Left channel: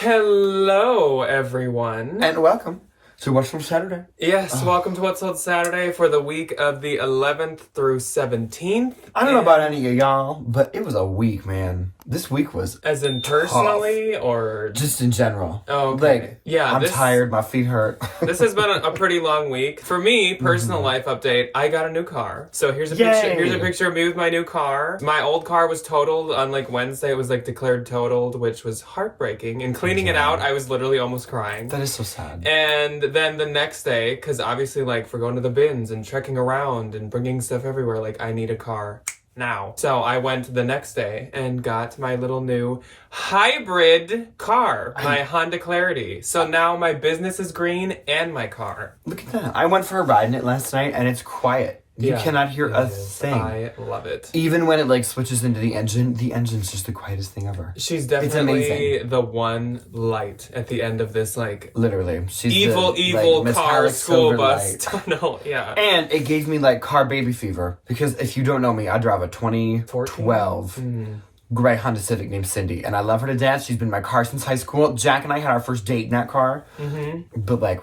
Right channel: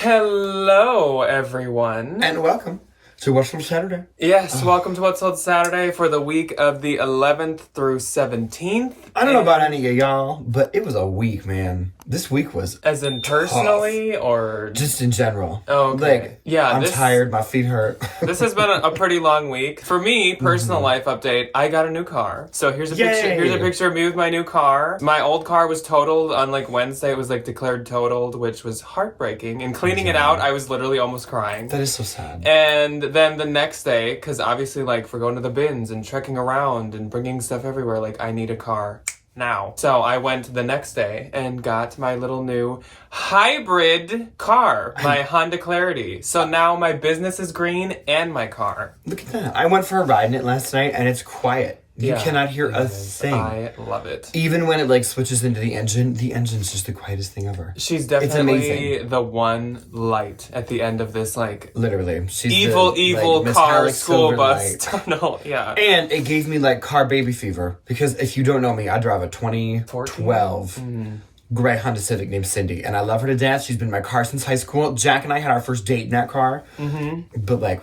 Hello, everyone. And welcome to What's Sold Saturday. Yes, welcome to What's Sold Saturday for the week of the 11th through 17th. I don't know about any of y'all, but it was a week, man. This week was As in personally, tough. or Just in general. Oh, okay. Like, Yeah, I'm tired, my feet hurt. This has been a pretty long week. For me, personal life update, I got a new car. So here's a Yay. picture. Here's a picture of me with my new car. My old car was totaled on Wednesday. It was declared totaled, which was heartbreaking. And cleaning it out, I was literally almost crying. That is so sad. And then the next day, because obviously for going to the bins and trekking around and bringing stuff everywhere, I need a car now. So I went the next day and got my little new hybrid car, my Honda Clarity. So now my business is green and my car. Look at that. I went for a ride in it last night and it's quiet. You cannot hear a thing. I love it. Even when it switches into the engine's just the quietest thing ever. She's definitely the one light at the end of this literally. She's evil car school bus light. tunnel. Yeah. And it gave me car baby fever because if you don't know me, I drive a 2012 gray Honda Civic named Cindy, and I love her to death. She's been in my car since high school. Jack and I had our first date in that car. But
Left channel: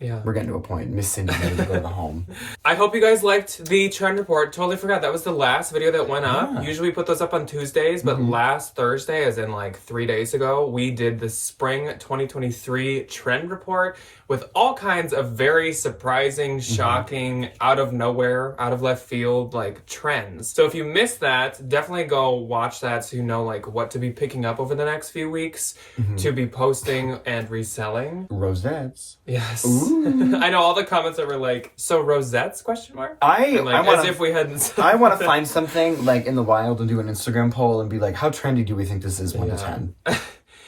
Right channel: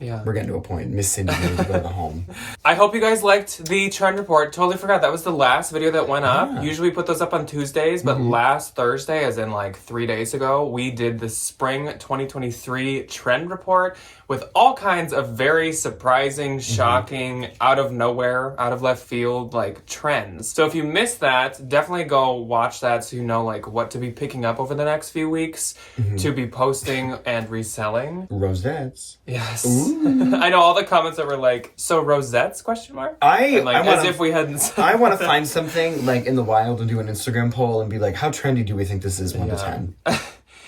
yeah, we're getting to a point. Miss Cindy needs to go to the home. I hope you guys liked the trend report. Totally forgot that was the last video that went up. Yeah. Usually we put those up on Tuesdays, but last Thursday, as in 3 days ago, we did the spring 2023 trend report with all kinds of very surprising, shocking, out of nowhere, out of left field, trends. So if you missed that, definitely go watch that so you know, what to be picking up over the next few weeks to be posting and reselling. Rosettes. Yes. I know all the comments that were so rosettes, question mark? I want as if we hadn't. I want to find something in the wild and do an Instagram poll and be how trendy do we think this is 1 to 10?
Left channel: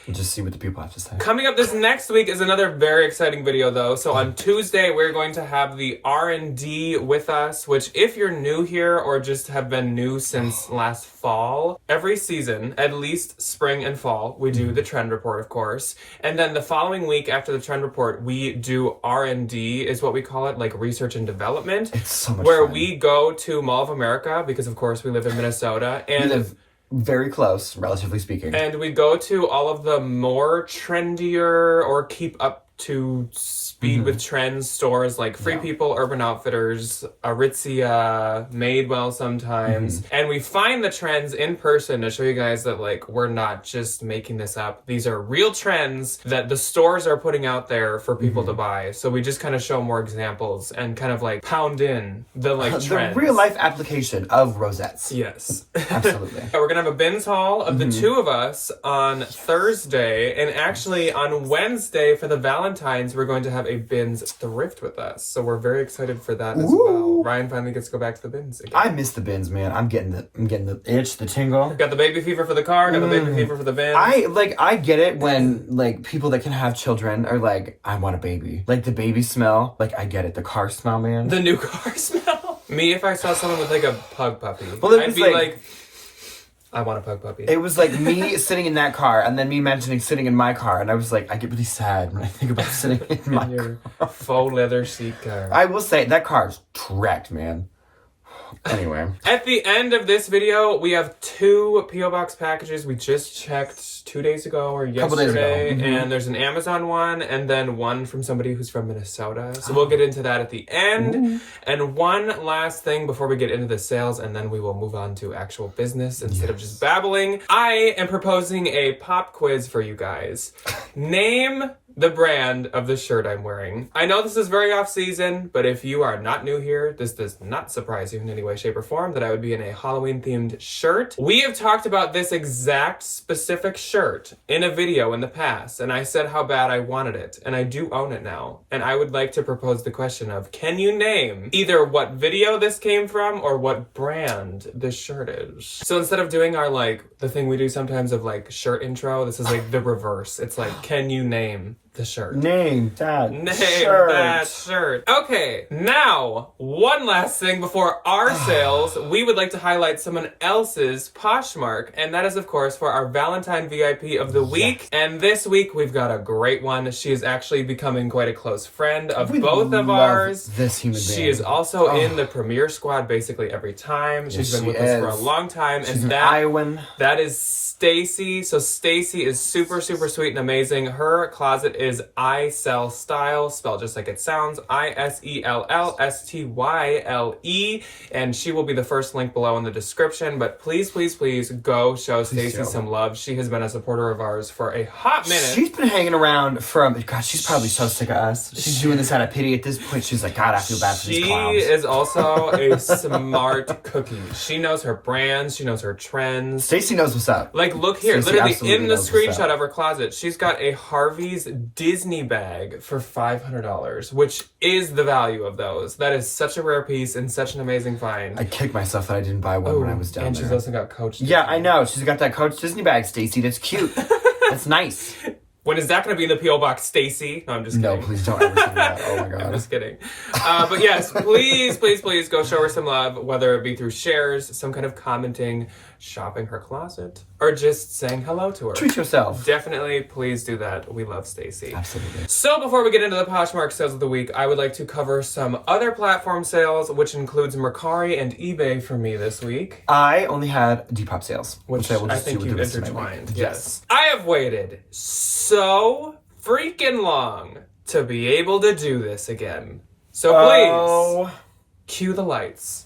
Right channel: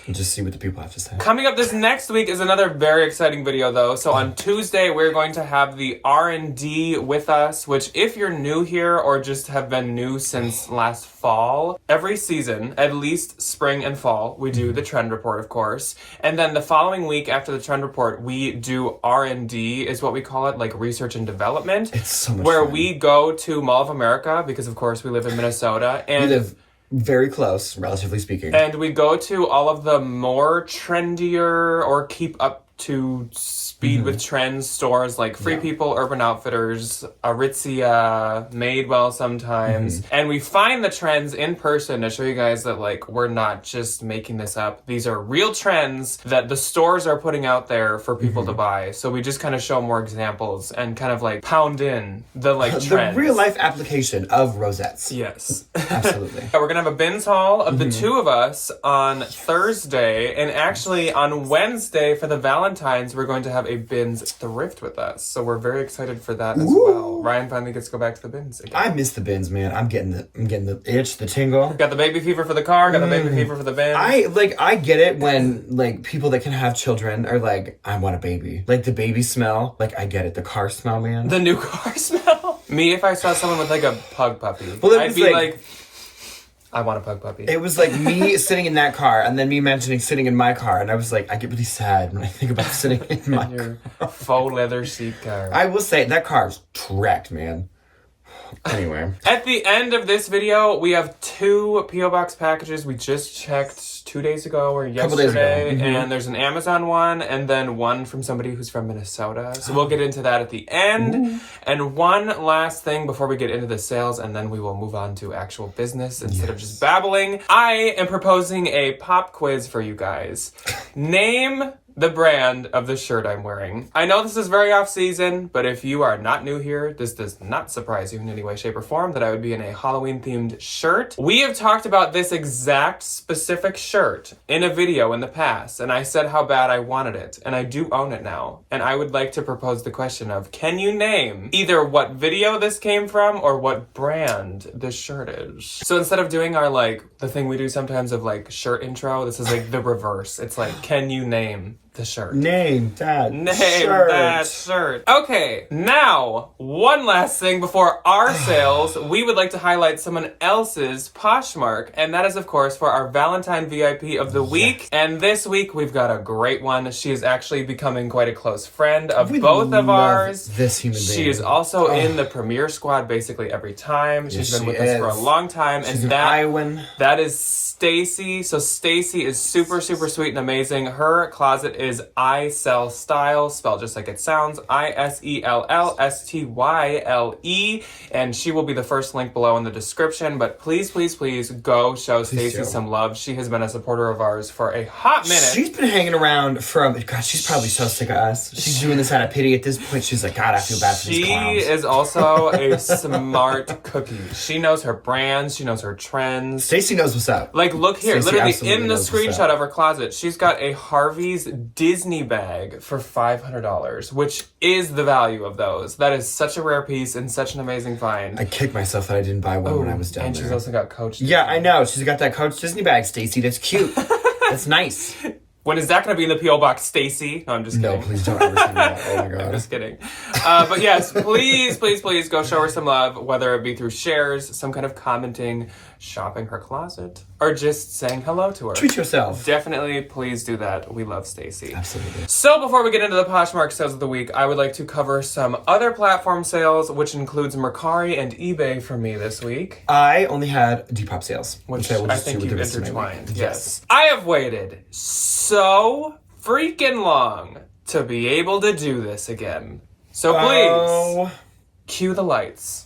And just see what the people have to say. Coming up this next week is another very exciting video, though. So on Tuesday, we're going to have the R&D with us, which if you're new here or just have been new since last fall, every season, at least spring and fall, we do the trend report, of course. And then the following week after the trend report, we do R&D, is what we call it, research and development. It's so much where fun. we go to Mall of America, because of course we live in Minnesota. And we live very close, relatively speaking. And we go to all of the more trendier or keep up to speed with trends stores like Free People, Urban Outfitters, Aritzia, Madewell sometimes. And we find the trends in person to show you guys that we're not just making this up. These are real trends that the stores are putting out there for people to buy. So we just kind of show more examples and kind of pound in the trends. The real life application of rosettes. Yes. Absolutely. We're gonna have a bins haul of the two of us on Thursday, and actually on Wednesday for the Valentines, we're going to have a bins thrift with us. So we're very excited for that as well. Ryan finally gets to go back to the bins again. I miss the bins, man. I'm getting the itch, the tingle. Got the baby fever for the car, got the baby fever for the bins. I get it when people that can have children are I want a baby. The baby smell. I get it. The car smell, man. The new car smell. Me, if I saw someone with a pug puppy, Well, I'd be I want a pug puppy. It was me sitting in that car and then me mentioning sitting in my car, and I was I get really sad when I think about sitting in my car. Faux leather seat car. I will say that car's tracked, man. Anyway. At the end of this video, we have 2 P.O. Box packages we just checked 2 days ago or yesterday. Days ago. And there's an Amazon one and then one from somebody who's from Minnesota. So we'll get into that at the end. And one last thing before we get into the sales, and then we will move on to actual business instead of just babbling. I am proposing a pop quiz for you guys. Name the brand of the shirt I'm wearing. I know this is very off season, but if you are not new here, this does not surprise you in any way, shape, or form that I would be in a Halloween themed shirt. We have talked about this exact specific shirt in a video in the past, and I said how bad I wanted it, and I do own it now. And I would like to propose the question of, can you name either what video this came from or what brand this shirt is? So instead of doing our the thing we do sometimes of shirt intro, this is the reverse. It's can you name the shirt? Name that shirt. Okay, now, one last thing before our sales, we would like to highlight someone else's Poshmark, and that is, of course, for our Valentine VIP of the week. And this week, we've got a great one. She is actually becoming quite a close friend of both of ours. This human being. She is also in the premiere squad basically every time. She's been with us for a long time. She's an Iowan. That is Stacy. So Stacy is super, super sweet and amazing. Her closet is I Sell Style, spelled just like it sounds, ISELLSTYLE. And she will be the first link below in the description. But please, please, please go show Stacy some love. She has been a supporter of ours for a hot minute. She's been hanging around from, God, she's probably so sick of us. She's doing this out of pity at this point. She's like, God, I feel bad for these clowns. She is also a smart cookie. She knows her brands. She knows her trends. Stacy knows what's up. Like, look here. Stacey Literally in the knows what's screenshot up. of her closet, she's got a Harvey's Disney bag for $500, which is the value of those. That is such a rare piece and such an amazing find. I kicked myself that I didn't buy one when I was down and there. she's also got Coach. Yeah, I know. She's got that Coach Disney bag, Stacy. That's cute. That's nice. When is that going to be in the P.O. Box, Stacy? No, I'm just kidding. No, please don't ever say that. Oh my God. I'm just kidding. But yes, please, please, please go show her some love, whether it be through shares, some kind of commenting, shopping her closet, or just saying hello to her. Treat yourself. Definitely, please do that. We love Stacy. Absolutely. So before we get into the Poshmark sales of the week, I would like to cover some other platform sales, which includes Mercari and eBay for me this week. I only had Depop sales, which I will just think do with you've the rest of my intertwined. week. Yes. I have waited so freaking long to be able to do this again. So please, cue the lights.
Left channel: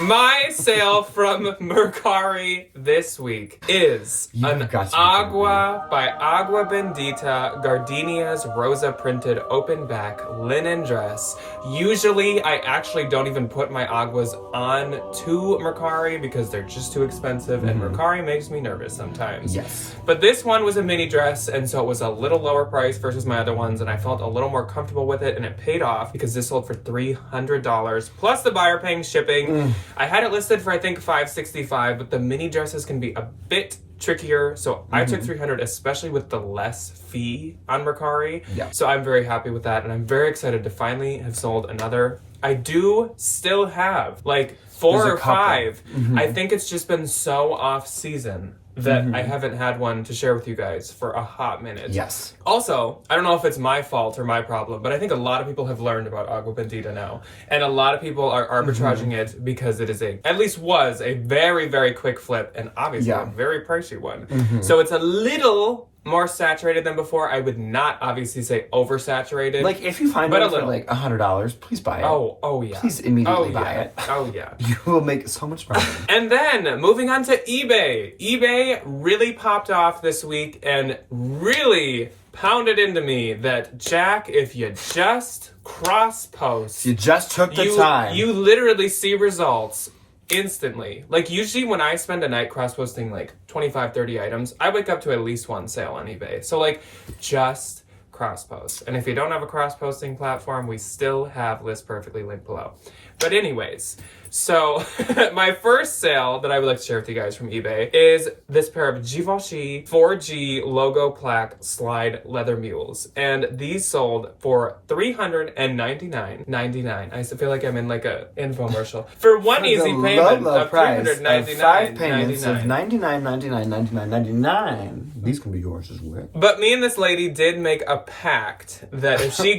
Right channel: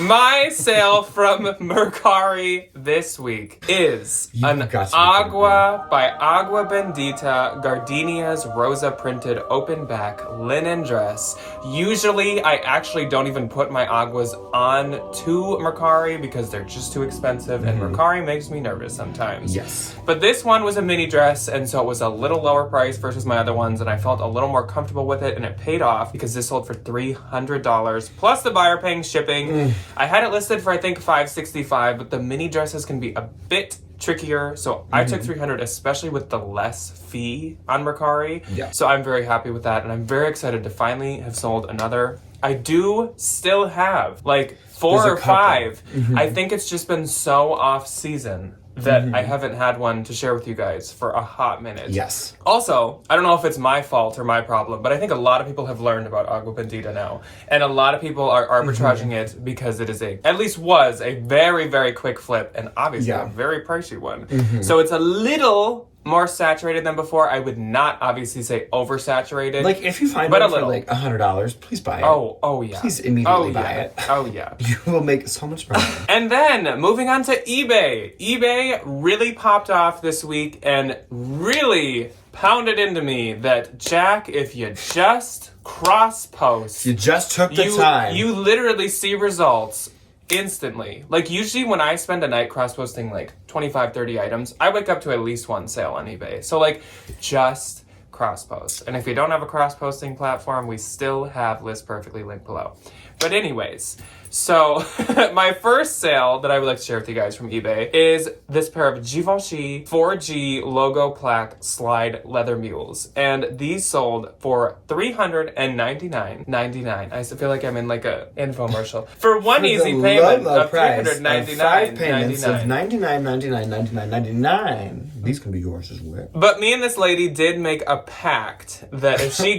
My sale from Mercari this week is an Agua by Agua Bendita Gardenia's Rosa printed open back linen dress. Usually I actually don't even put my Aguas on to Mercari because they're just too expensive and Mercari makes me nervous sometimes. Yes. But this one was a mini dress and so it was a little lower price versus my other ones and I felt a little more comfortable with it and it paid off because this sold for $300 plus the buyer paying shipping. I had it listed for I think $565, but the mini dresses can be a bit trickier, so I took $300, especially with the less fee on Mercari. Yeah. So I'm very happy with that, and I'm very excited to finally have sold another. I do still have like 4 or 5. I think it's just been so off season that I haven't had one to share with you guys for a hot minute. Yes. Also, I don't know if it's my fault or my problem, but I think a lot of people have learned about Agua Bendita now. And a lot of people are arbitraging it because it is at least was a very, very quick flip and obviously a very pricey one. So it's a little more saturated than before. I would not obviously say oversaturated. Like if you find it for like $100, please buy it. Oh yeah. Please immediately buy it. Oh yeah. You will make so much money. And then moving on to eBay. eBay really popped off this week and really pounded into me that Jack, if you just cross post, You just took the time. You literally see results instantly. Like usually when I spend a night cross posting like 25, 30 items, I wake up to at least one sale on eBay. So like just cross post. And if you don't have a cross posting platform, we still have List Perfectly linked below. But anyways, so my first sale that I would like to share with you guys from eBay is this pair of Givenchy 4G logo plaque slide leather mules. And these sold for $399.99. I feel like I'm in like a infomercial. For one easy payment of $399.99. 5 payments of $99.99. These can be yours as well. But me and this lady did make a pact that if she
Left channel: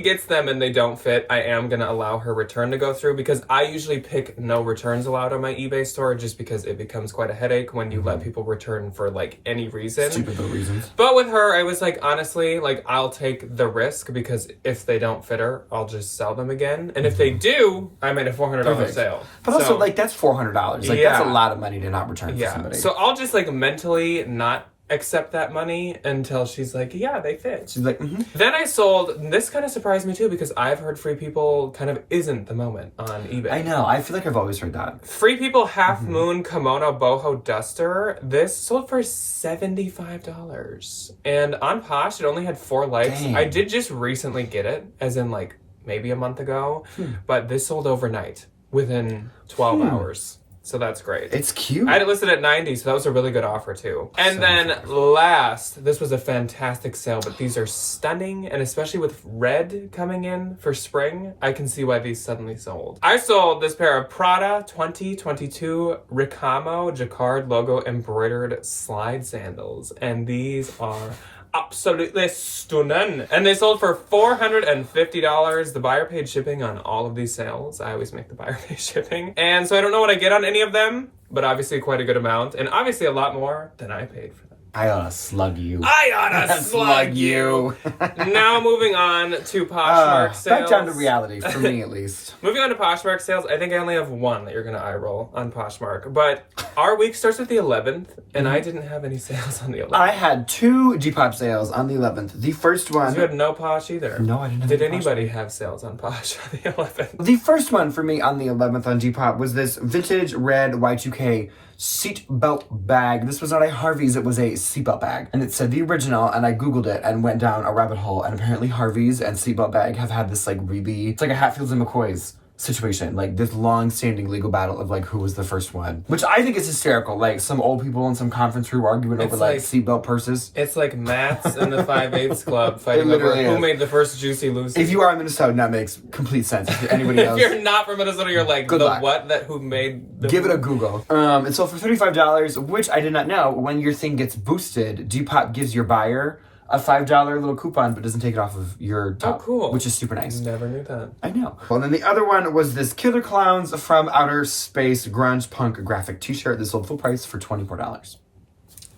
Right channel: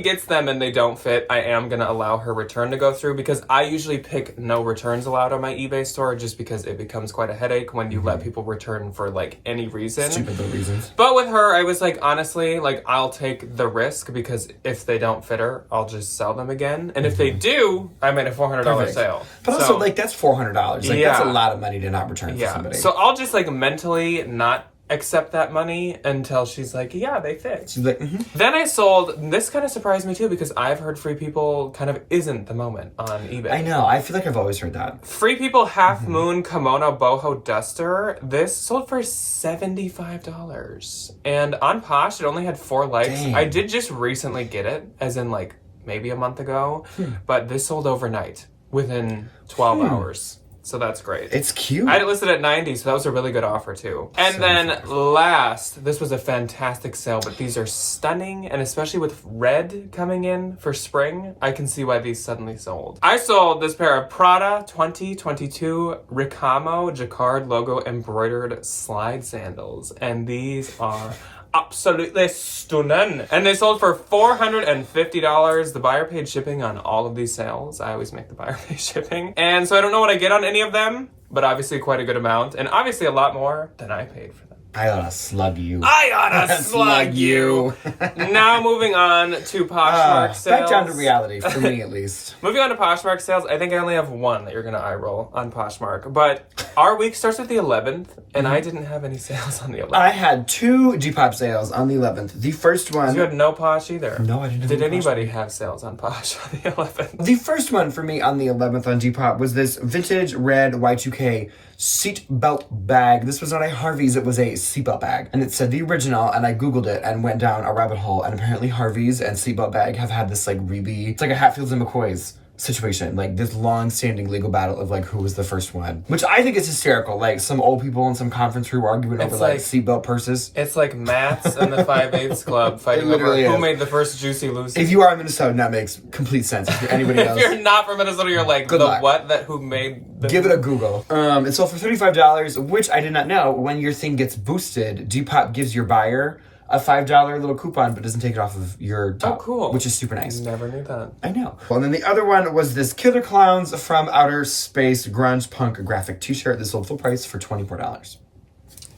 gets them and they don't fit, I am gonna allow her return to go through because I usually pick no returns allowed on my eBay store just because it becomes quite a headache when you let people return for like any reason. Stupid reasons. But with her, I was like, honestly, like I'll take the risk because if they don't fit her, I'll just sell them again. And if they do, I made a $400 sale. But also, like, that's $400. Like, that's a lot of money to not return for somebody. So I'll just like mentally not accept that money until she's like, yeah, they fit. She's like, Then I sold, this kind of surprised me too because I've heard Free People kind of isn't the moment on eBay. I know, I feel like I've always heard that. Free People Half Moon Kimono Boho Duster, this sold for $75. And on Posh, it only had 4 likes. Dang. I did just recently get it, as in like maybe a month ago, but this sold overnight within 12 hours. So that's great. It's cute. I had it listed at 90, so that was a really good offer too. And then last, this was a fantastic sale, but these are stunning, and especially with red coming in for spring, I can see why these suddenly sold. I sold this pair of Prada 2022 Ricamo Jacquard logo embroidered slide sandals, and these are absolutely stunning. And they sold for $450. The buyer paid shipping on all of these sales. I always make the buyer pay shipping. And so I don't know what I get on any of them, but obviously quite a good amount. And obviously a lot more than I paid for them. I oughta slug you. I oughta slug you. Now moving on to Poshmark sales. Back down to reality, for me at least. Moving on to Poshmark sales, I think I only have one that you're going to eye roll on Poshmark. But our week starts with the 11th, and I didn't have any sales on the 11th. I had 2 Depop sales on the 11th. The first one... You had no Posh either. No, I didn't have Did any anybody have sales on Posh on the 11th? The first one for me on the 11th on Depop was this vintage red Y2K seatbelt bag. This was not a Harvey's, it was a seatbelt bag. And it said the original, and I Googled it and went down a rabbit hole, and apparently Harvey's and seatbelt bag have had this like really, it's like a Hatfields and McCoy's situation, like this long-standing legal battle of like who was the first one, which I think is hysterical. Like some old people in some conference room arguing over like seatbelt purses. It's like Matt's and the 5/8 Club fighting over who made the first Juicy Lucy. If you are in Minnesota, that makes complete sense. If you're anybody else, if you're not from Minnesota, you're like good luck. What that who made the give it a Google. It sold for $35, which I did not know. When your thing gets boosted, Depop gives your buyer a $5 little coupon, but doesn't take it off of your top. Oh, cool. Which is super nice. Never knew that. I know. Well, then the other one was this Killer Clowns from Outer Space grunge punk graphic t-shirt. This sold full price for $24.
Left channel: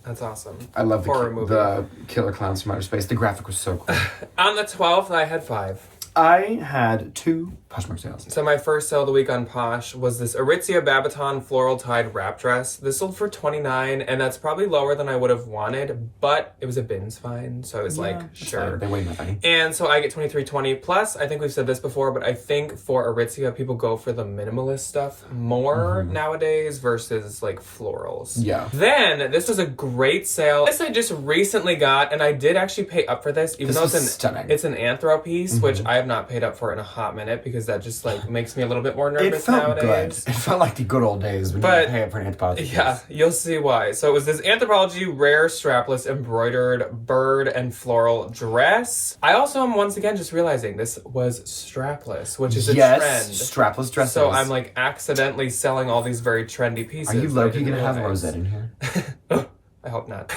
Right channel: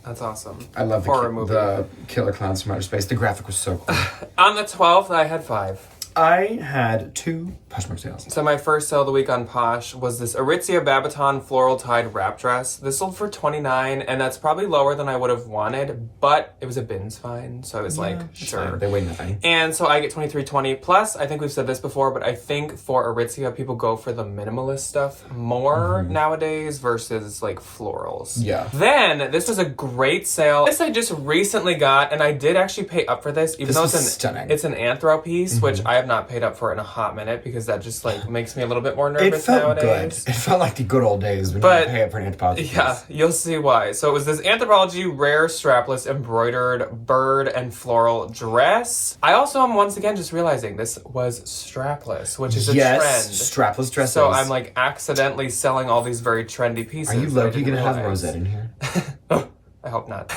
That's awesome. I love the Killer Clowns from Outer Space. The graphic was so cool. On the 12th, I had 5. I had 2 Poshmark sales. So my first sale of the week on Posh was this Aritzia Babaton floral tied wrap dress. This sold for $29, and that's probably lower than I would have wanted, but it was a bins find, so I was like, sure. They weigh nothing. And so I get $23.20. Plus, I think we've said this before, but I think for Aritzia, people go for the minimalist stuff more nowadays versus like florals. Yeah. Then this was a great sale. This I just recently got, and I did actually pay up for this, even though it's an anthro piece, which I have not paid up for in a hot minute because that just like makes me a little bit more nervous. It felt nowadays. good. It felt like the good old days when you pay up for an anthropology. Yeah, you'll see why. So it was this Anthropologie rare strapless embroidered bird and floral dress. I also am once again just realizing this was strapless, which is a trend. Strapless dresses. So I'm like accidentally selling all these very trendy pieces. Are you low-key gonna have a rosette in here? I hope not.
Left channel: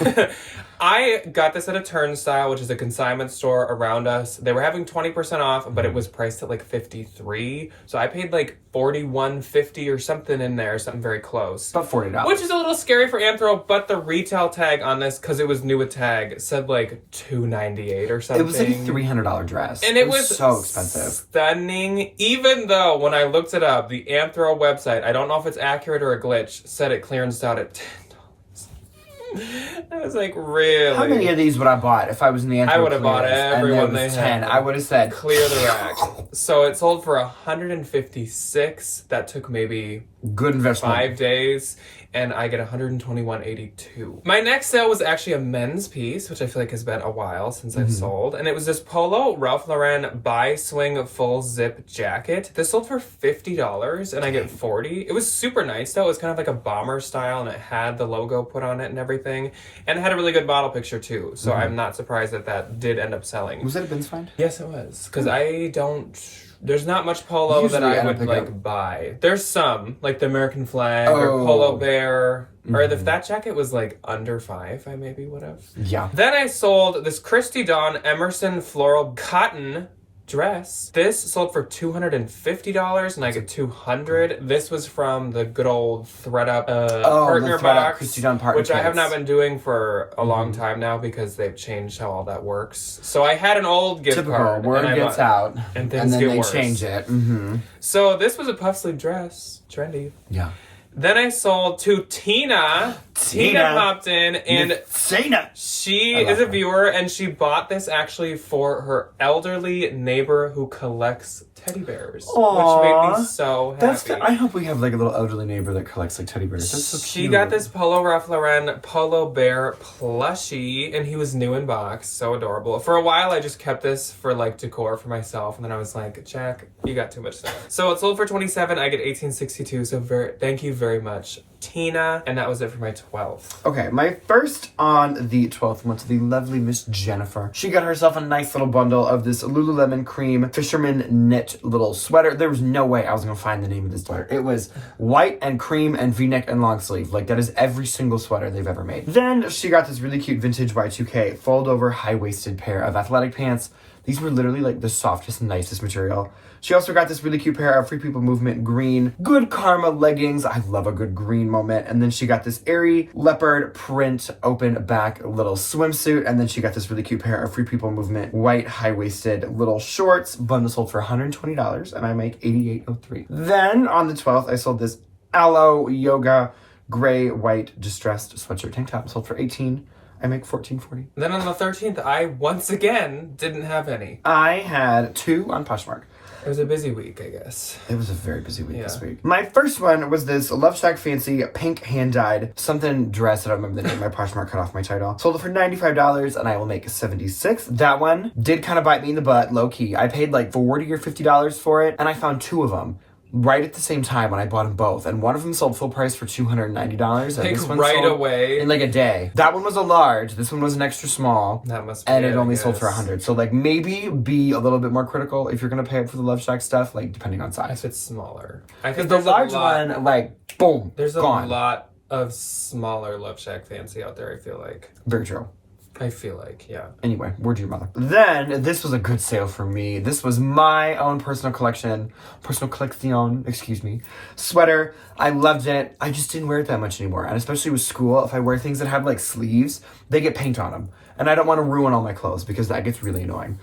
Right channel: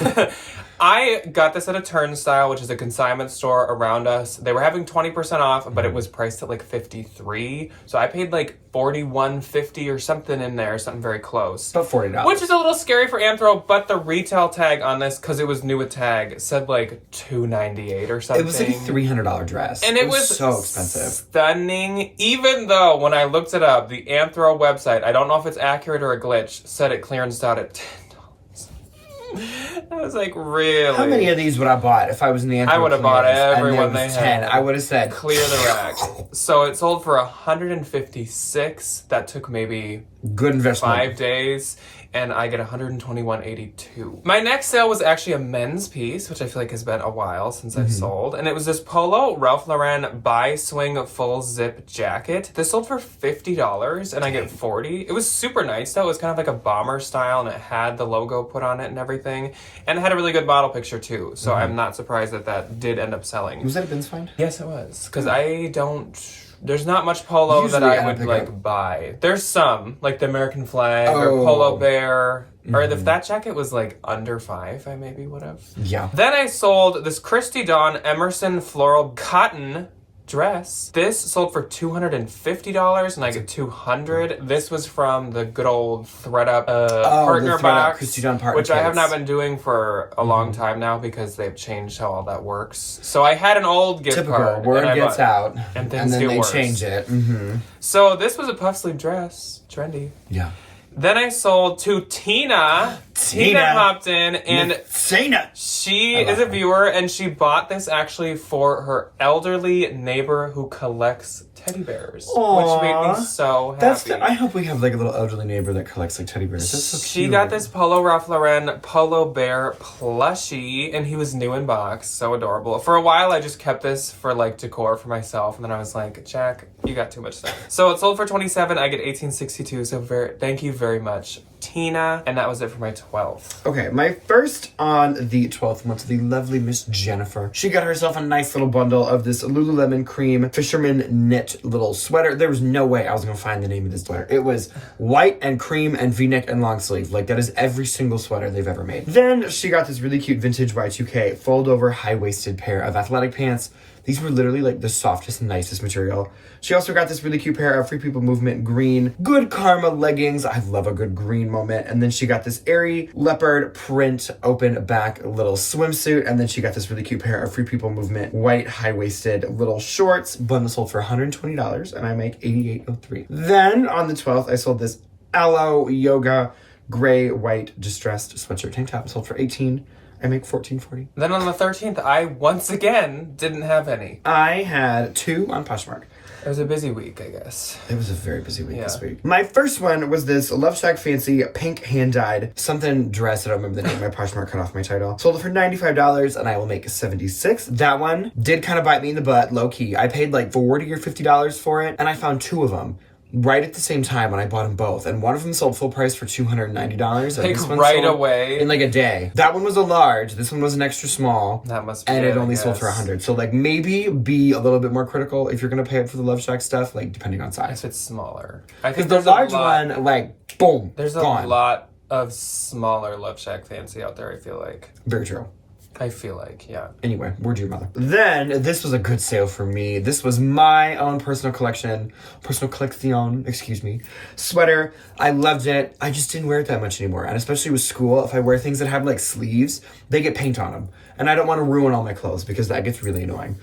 I got this at a Turnstile, which is a consignment store around us. They were having 20% off, but it was priced at like $53. So I paid like $41.50 or something in there, something very close. About $40. Which is a little scary for Anthro, but the retail tag on this, because it was new with tag, said like $298 or something. It was like a $300 dress. And it was so expensive. Stunning. Even though when I looked it up, the Anthro website, I don't know if it's accurate or a glitch, said it clearanced out at $10. I was like, really? How many of these would I bought if I was in the Anthro? I would have bought every one they had. 10. I would have said clear the rack. So it sold for $156. That took maybe good investment. 5 days. And I get $121.82. My next sale was actually a men's piece, which I feel like has been a while since I've sold. And it was this polo Ralph Lauren bi-swing full zip jacket. This sold for $50 and I get $40. It was super nice though. It was kind of like a bomber style and it had the logo put on it and everything. And it had a really good model picture too. So I'm not surprised that that did end up selling. Was that a bins find? Yes, it was. Because there's not much polo usually that I would like buy. There's some, like the American flag or Polo Bear. Or if that jacket was like under $5, I maybe would have. Yeah. Then I sold this Christy Dawn Emerson floral cotton dress. This sold for $250 and I get $200. This was from the good old ThredUp partner box, Christy Dawn partner which I have not been doing for a long time now because they've changed how all that works. So I had an old gift card. Word gets out and then they change it. So this was a puff sleeve dress. Trendy. Yeah. Then I sold to Tina. Tina popped in and she is a viewer and she bought this actually for her elderly neighbor who collects teddy bears. Aww. Which made me so happy. I hope we have like a little elderly neighbor that collects like teddy bears. That's so cute. She got this Polo Ralph Lauren Polo Bear plushie and he was new in box. So adorable. For a while I just kept this for like decor for myself and then I was like, Jack, you got too much stuff. So it sold for $27. I get $18.62. So thank you very very much, Tina. And that was it for my 12th. Okay, my first on the 12th went to the lovely Miss Jennifer. She got herself a nice little bundle of this Lululemon cream fisherman knit little sweater. There was no way I was gonna find the name of this sweater. It was white and cream and v-neck and long sleeve. Like, that is every single sweater they've ever made. Then she got this really cute vintage Y2K fold over high-waisted pair of athletic pants. These were literally like the softest, nicest material. She also got this really cute pair of Free People Movement green Good Karma leggings. I love a good green moment. And then she got this airy leopard print open back little swimsuit. And then she got this really cute pair of Free People Movement white high-waisted little shorts. Bundle sold for $120 and I make $88.03. Then on the 12th, I sold this Aloe Yoga gray white distressed sweatshirt tank top. Sold for $18. I make $14.40. Then on the 13th, I once again didn't have any. I had 2 on Poshmark. It was a busy week, I guess. It was a very busy week this week. My first one was this Love Shack Fancy pink hand-dyed something dress. I don't remember the name. My Poshmark cut off my title. Sold it for $95 and I will make $76. That one did kind of bite me in the butt, low-key. I paid like $40 or $50 for it and I found 2 of them right at the same time when I bought them both. And one of them sold full price for $290. And this one right sold away. in like a day. That one was a large. This one was an extra small. That must be And it it only I sold for guess. $100. So like maybe be a little bit more critical if you're going to pay up for the Love Shack stuff, like depending on size. If it's smaller. I Because think the there's large a lot, one, like, boom, there's a gone. lot of smaller Love Shack Fancy out there, I feel like. Very true. I feel like, yeah. Anyway, word to your mother. Then, this was a good sale for me. This was my own personal collection, sweater. I loved it. I just didn't wear it that much anymore. And especially with school, if I wear things that have like sleeves, they get paint on them. And I don't want to ruin all my clothes because that gets really annoying.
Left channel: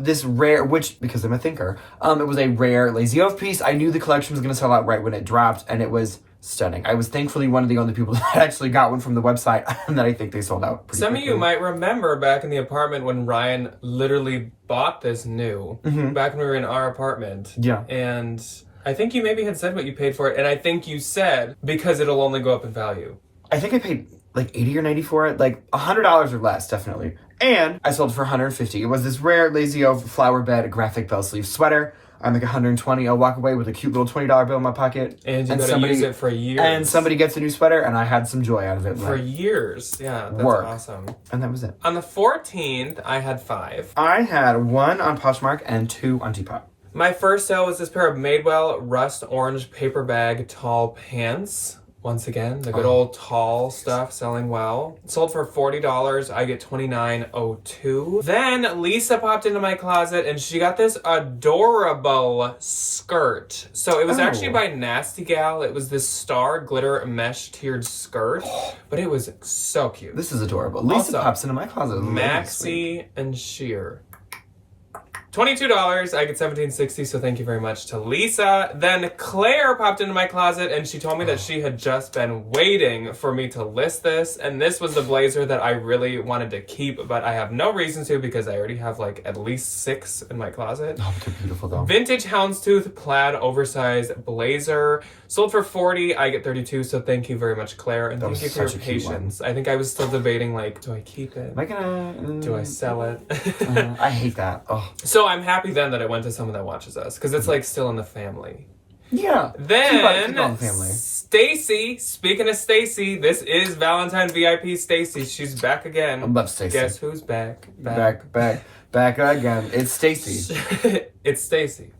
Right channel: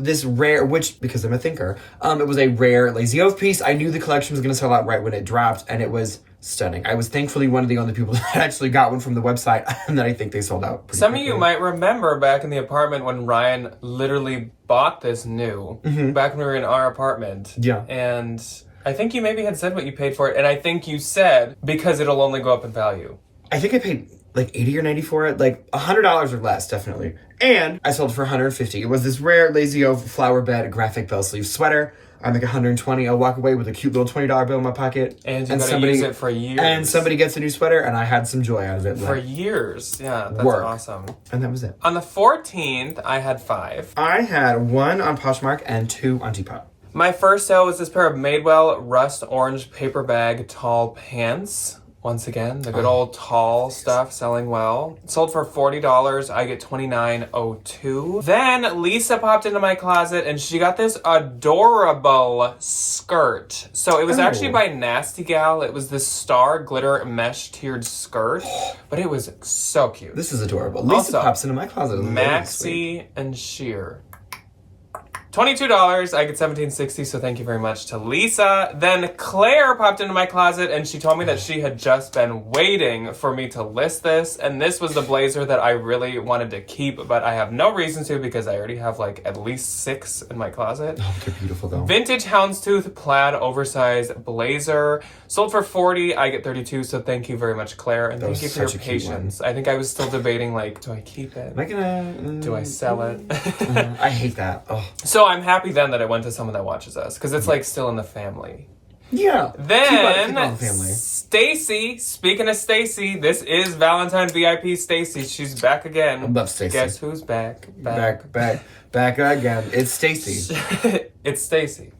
This rare, which, because I'm a thinker, it was a rare Lazy Oaf piece. I knew the collection was going to sell out right when it dropped, and it was stunning. I was thankfully one of the only people that actually got one from the website, and then I think they sold out pretty Some quickly. of you might remember back in the apartment when Ryan literally bought this new, back when we were in our apartment. Yeah. And I think you maybe had said what you paid for it, and I think you said because it'll only go up in value. I think I paid like 80 or 90 for it, like $100 or less, definitely. And I sold it for $150. It was this rare Lazy Oaf flower bed graphic bell sleeve sweater. I make $120. I'll walk away with a cute little $20 bill in my pocket. And you gotta use it for years. And somebody gets a new sweater, and I had some joy out of it. For years. Yeah, that's work. awesome. And that was it. On the 14th, I had 5. I had 1 on Poshmark and 2 on Depop. My first sale was this pair of Madewell rust orange paper bag tall pants. Once again, the good old tall stuff selling well. Sold for $40. I get $29.02. Then Lisa popped into my closet and she got this adorable skirt. So it was actually by Nasty Gal. It was this star glitter mesh tiered skirt, but it was so cute. This is adorable. Lisa Also, pops into my closet. Maxi and Sheer. $22, I get $17.60, so thank you very much to Lisa. Then Claire popped into my closet and she told me that she had just been waiting for me to list this. And this was the blazer that I really wanted to keep, but I have no reason to because I already have like at least 6 in my closet. Oh, they're beautiful though. Vintage houndstooth plaid oversized blazer. Sold for $40, I get $32, so thank you very much, Claire. And thank you for your patience. I think I was still debating like, do I keep it? Am I gonna... Do I sell it? I hate that. Oh. So I'm happy then that I went to someone that watches us because it's like still in the family. Yeah. Then Family. Stacy, speaking of Stacy, this is Valentine VIP Stacy. She's back again. I love Stacy. Guess who's back? Back again. It's Stacy. It's Stacy.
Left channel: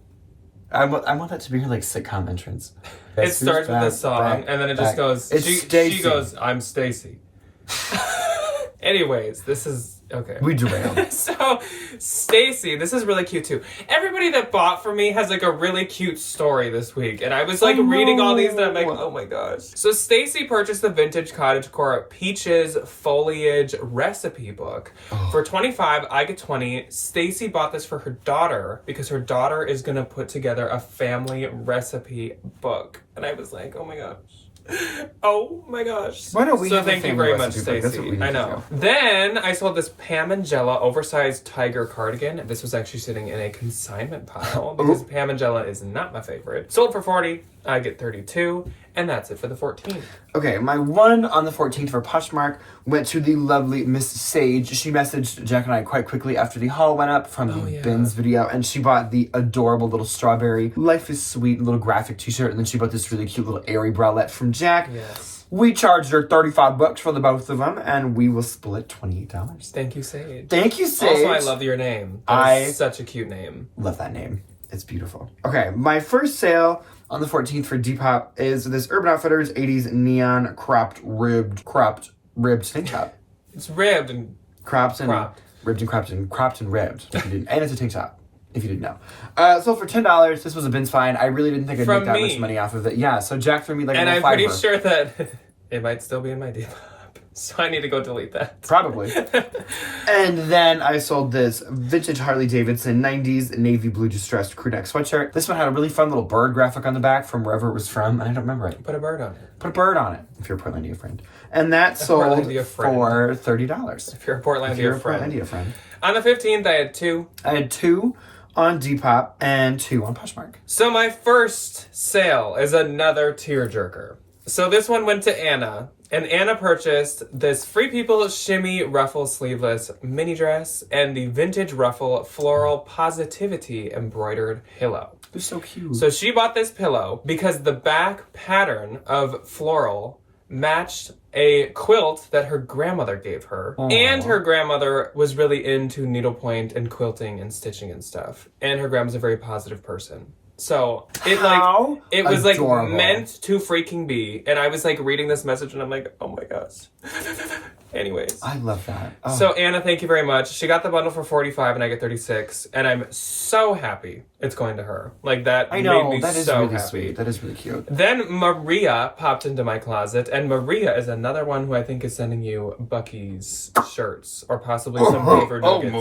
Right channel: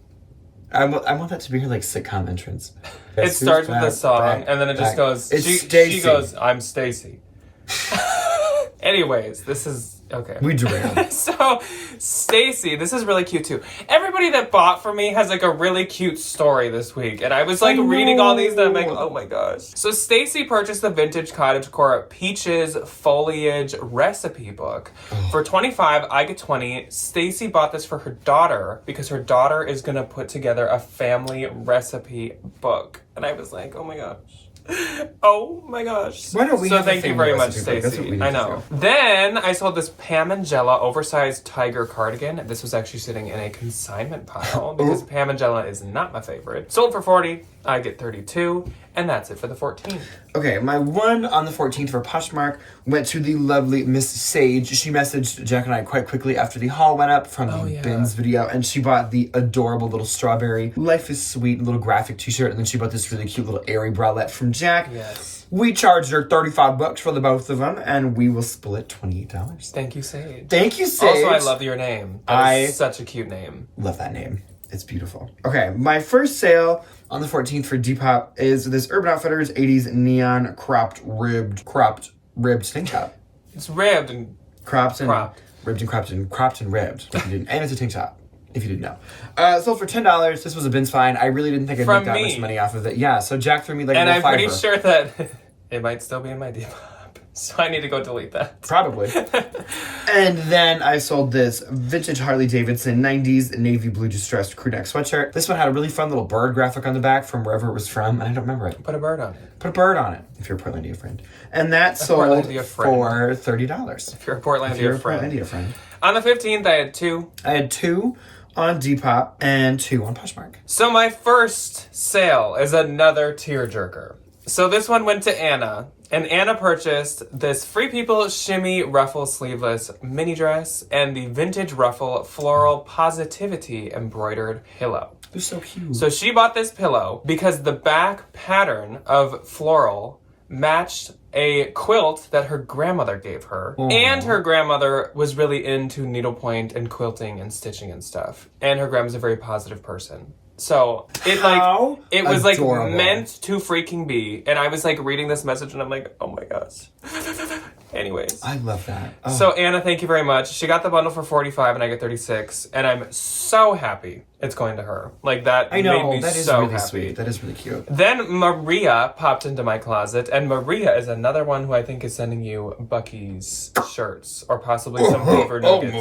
I want that to be her like sitcom entrance. It starts with a song and then it just goes. She goes, "I'm Stacy." Anyways, this is okay. We derailed. So, Stacy, this is really cute too. Everybody that bought for me has like a really cute story this week, and I was like reading all these, and I'm like, oh my gosh. So, Stacy purchased the vintage cottagecore Peaches Foliage recipe book for $25. I get $20. Stacy bought this for her daughter because her daughter is gonna put together a family recipe book, and I was like, oh my gosh. Oh my gosh. Why don't we have a thank you family very much, recipe book? That's what we Stacey. need I to know. do. Then I sold this Pam and Jella oversized tiger cardigan. This was actually sitting in a consignment pile because Pam and Jella is not my favorite. Sold for $40. I get $32. And that's it for the 14th. Okay, my one on the 14th for Poshmark went to the lovely Miss Sage. She messaged Jack and I quite quickly after the haul went up from the bins video, and she bought the adorable little strawberry Life is Sweet little graphic t-shirt, and then she bought this really cute little airy bralette from Jack. Yes. We charged her $35 for the both of them, and we will split $28. Thank you, Sage. Thank you, Sage. Also, I love your name. That is such a cute name. Love that name. It's beautiful. Okay, my first sale on the 14th for Depop is this Urban Outfitters 80s neon ribbed tank top. It's ribbed and cropped. Ribbed and cropped and ribbed. If you didn't, and it's a tank top. If you didn't know. Sold for $10. This was a bin's find. I really didn't think I'd make that much money off of it. Yeah, so Jack threw me like a little $5. And I'm pretty sure that it might still be in my Depop. So I need to go delete that. Probably. And then I sold this vintage Harley Davidson 90s navy blue distressed crew neck sweatshirt. This one had a really fun little bird graphic on the back from wherever it was from, and I don't remember it. Put a bird on it. Put a bird on it, if you're a Portlandia friend. And that sold for $30. If you're a Portlandia friend. On the 15th, I had two. I had two on Depop and two on Poshmark. So my first sale is another tearjerker. So this one went to Anna. And Anna purchased this Free People Shimmy Ruffle Sleeveless Mini Dress and the Vintage Ruffle Floral Positivity Embroidered Pillow. They're so cute. So she bought this pillow because the back pattern of floral matched a quilt that her grandmother gave her. Aww. And her grandmother was really into needlepoint and quilting and stitching and stuff. And her grandma's a very positive person. So it was adorable. Like meant to freaking be. And I was like reading this message and I'm like, oh my gosh. Anyways. I love that. Oh. So Anna, thank you very much. She got the bundle for $45 and I get $36. And I'm so happy it's going to her. Like that I know, made me that is so really happy. sweet. That is really cute. Then Maria popped into my closet, and Maria is another one who I think is sending you Bucky's shirts or possibly some Beaver Nuggets.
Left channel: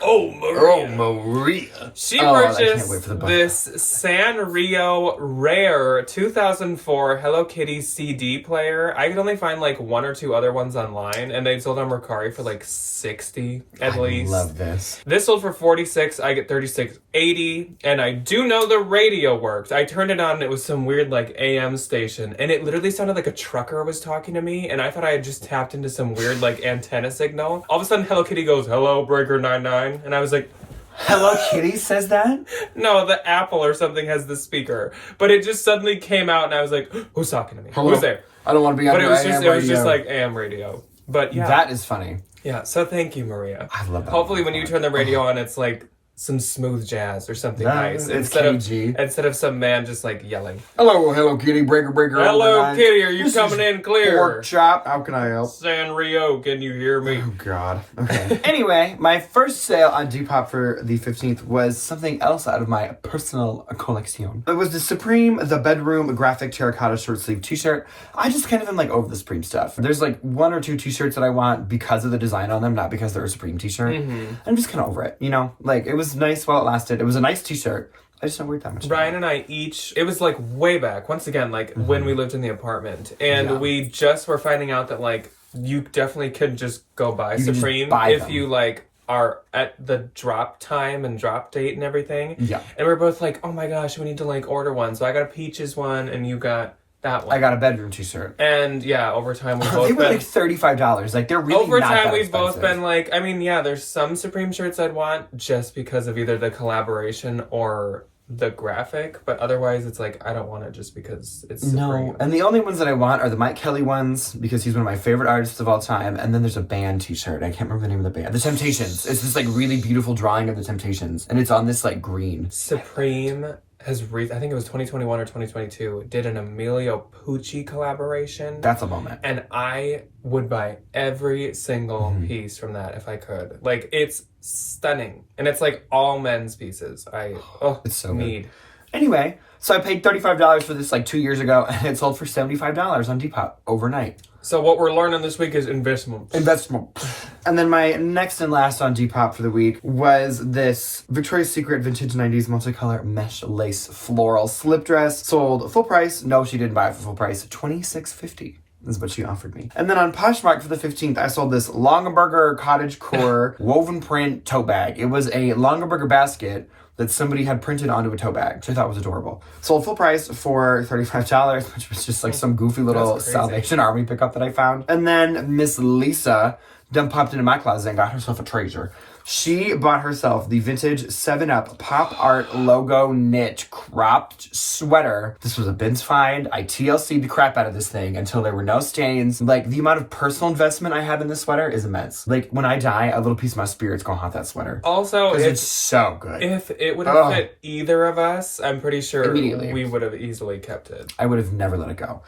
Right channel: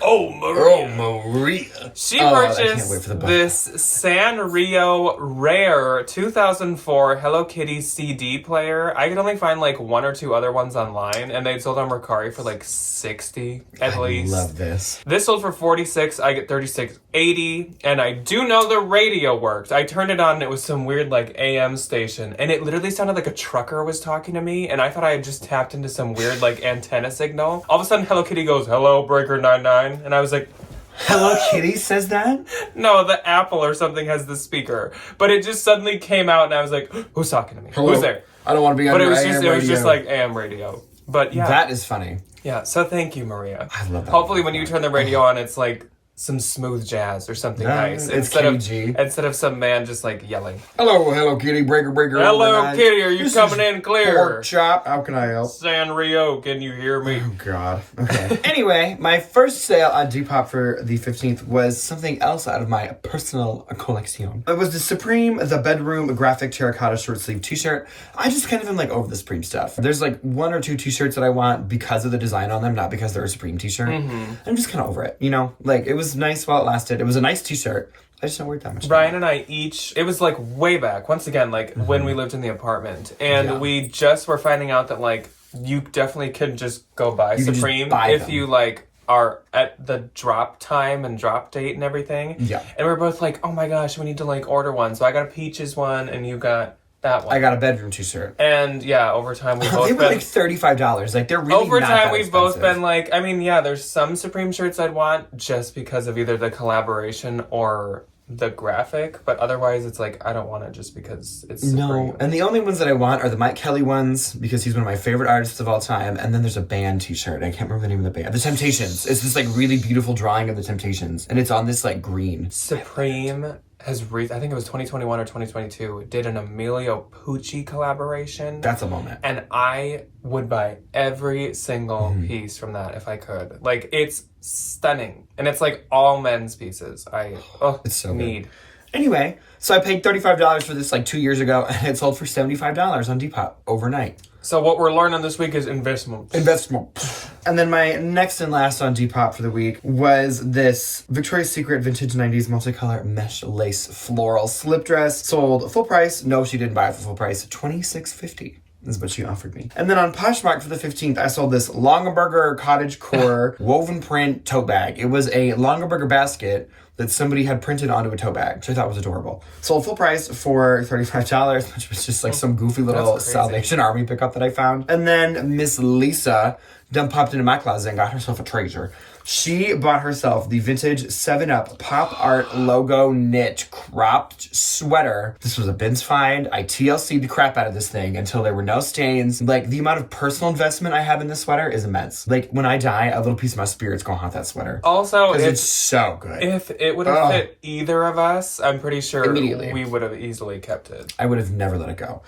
Oh, Maria. She purchased this Sanrio Rare 2004 Hello Kitty CD player. I could only find like one or two other ones online, and they sold on Mercari for like $60 at least. I love this. This sold for $46. I get $36.80, and I do know the radio worked. I turned it on, and it was some weird like AM station, and it literally sounded like a trucker was talking to me, and I thought I had just tapped into some weird like antenna signal. All of a sudden, Hello Kitty goes, "Hello, Breaker 99," and I was like, Hello Kitty says that? No, the Apple or something has the speaker, but it just suddenly came out, and I was like, "Who's talking to me? Hello? Who's there?" I don't want to be on but your AM radio. It was just like AM radio. But yeah, that is funny. Yeah, so thank you, Maria. I love that. Hopefully when you turn the radio on, it's like some smooth jazz or something nice. It's instead of some man just like yelling. Hello Kitty, breaker. Hello Kitty, are you coming in clear? Pork chop, how can I help? Sanrio, can you hear me? Oh God. Okay. Anyway, my first sale on Depop for the 15th was something else out of my personal collection. It was the Supreme The Bedroom Graphic Terracotta Short Sleeve T-shirt. I just kind of am like over the Supreme stuff. There's like one or two T-shirts that I want because of the design on them, not because they're a Supreme T-shirt. Mm-hmm. I'm just kind of over it, you know? Like, it was nice while it lasted. It was a nice T-shirt. I just don't wear it that much. Brian and I each, it was like way back, once again, like when we lived in the apartment. And we just were finding out that like, you definitely could just go buy Supreme if you like are at the drop time and drop date and everything. Yeah. And we're both like, oh my gosh, we need to like order one. So I got a Peaches one and you got that one. I got a bedroom T-shirt. And yeah, over time we've both they were like $35. Like they're really over not time that we've expensive. both been like, I mean, yeah, there's some Supreme shirts I'd want just because of either the collaboration or the graphic, but otherwise it's like I don't want it just because it's Supreme. No, and the only ones that I want are the Mike Kelly ones because he's one of my favorite artists of all time. And then there's a band T-shirt. I can't remember the name of the band. The Temptations. It's this like really beautiful drawing of the Temptations, and it's on this like green. Supreme has I think it was 2021 or 2022 did an Emilio Pucci collaboration. That's a moment. And I would buy every single piece from that if I could. Like it's stunning, and it's like all men's pieces. It's so need. Good. Anyway, so I paid $35 for this like 2 years ago, and it sold for $75 on Depop overnight. So what we're learning this week is investment. And then my next and last on Depop for the week was this Victoria's Secret Vintage 90s multicolor mesh lace floral slip dress. Sold full price. No, she didn't buy it for full price. $26.50. is what she offered me. And then on Poshmark for the 15th, I sold this Longaberger Cottage Core woven print tote bag. It was a Longaberger basket that somebody had printed onto a tote bag, which I thought was adorable. Sold full price for $35, which was just like some goofy little Salvation Army pickup that I found. And then Miss Lisa done popped into my closet and got herself a treasure. She bought herself the vintage 7-Up Pop Art logo knit cropped sweater. This was a bins find. I TLC'd the crap out of this thing until there were no stains. Like, the amount of personal investment I have in this sweater is immense. Like, when I die, a little piece of my spirit's gonna haunt that sweater. Also, it's so good. If it would have fit either of us, I'm pretty sure immediately we would have easily kept it. I would have never let it go.